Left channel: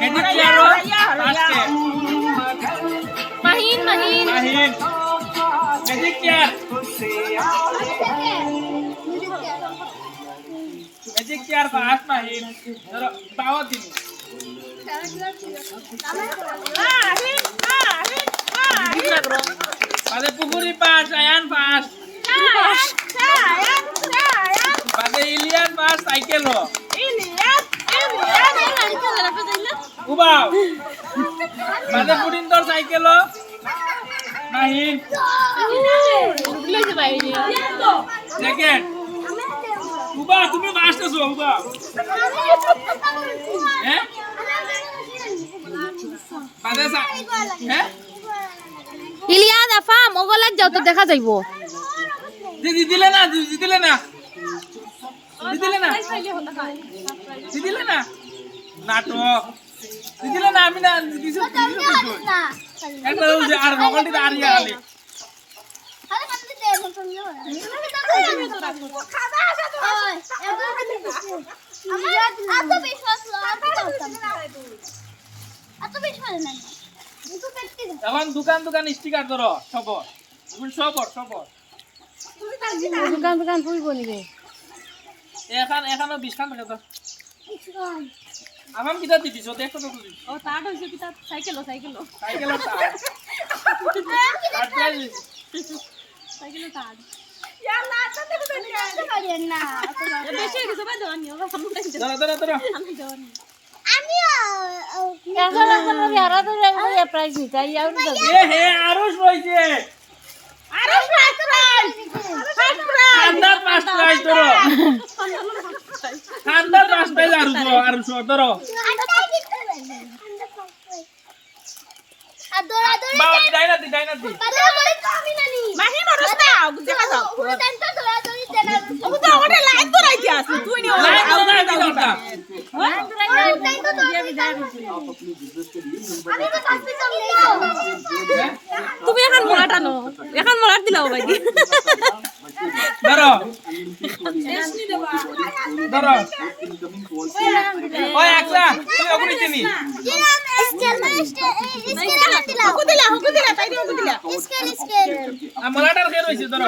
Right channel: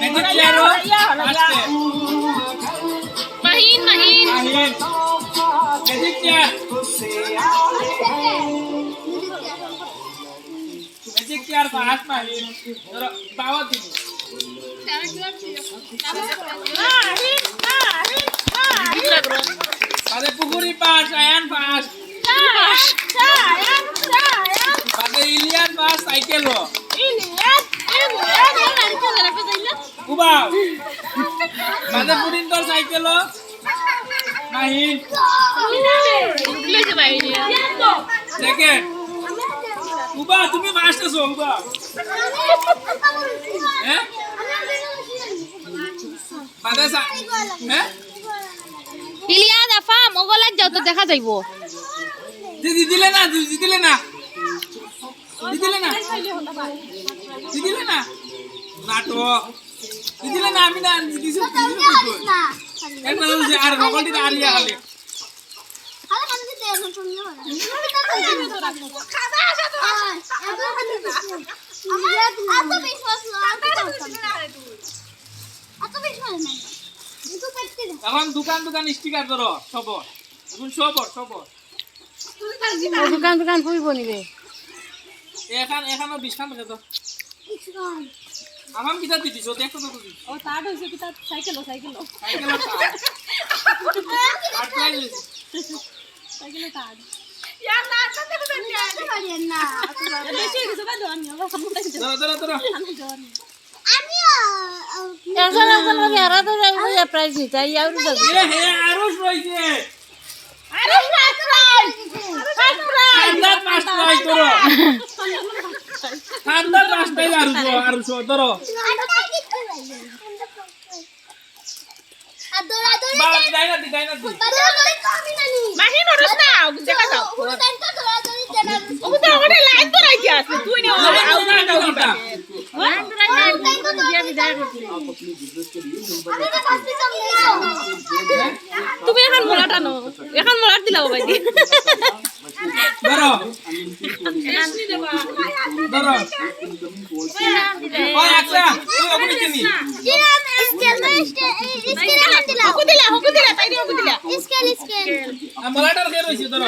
Magic chair paste. Mahin. Magic chair. Magic chair pass Mahin. Terus bawa sini. Pada Pukuri pas, Ayan pas. Pada Ilian pas, cycle lo. Ubah. Pada Pudintor cycle lo. Mahin. Second. Ubah, তুমি first আছো ubah. হ্যাঁ? বাদাসা হ্যাঁ? Ilya দাফা মোগলাক যাও তো দেখা যাইবো। দিলে না। দিলে না। নাটক। দিলে না আমি না দিছো। একবার ওই যে আর নকলটি আর ইয়া খালি। এখন দোকান স্টিকার ধরো সবর এখন সবর দোকান ফুলবো নিবে এখানে 20 খান টাকা দাও আমার কিটা দিছো দেখো তো দিছো ও তার হইছে কি তার সাইকেল তার ইয়াল্লা আচ্ছা না বেশি কিছু বা ধরনি বাবা ধরো আমিও এখন লগে আরা তো প্রাইস নিতে আর হে আরো রইছে ঠান্ডার পাঁচ প্রাইস ধরো ঠান্ডার পাঁচ প্রাইস আরো ধরো বাবা ডাইনা দি মাহি নরস না দেখা যাও ওটা ওটা লাইন তো রাখি আছে তুই নি লাইন তো না কি দরকার তুমি এখন মোড়াটানো এখন মোড়াট দিলাও ভাই ধরো ওই আকলা তুই ওগুলি চিনি হকু দিলা পাইদি হকু দিলা মোলাটার কে রইছে ধরো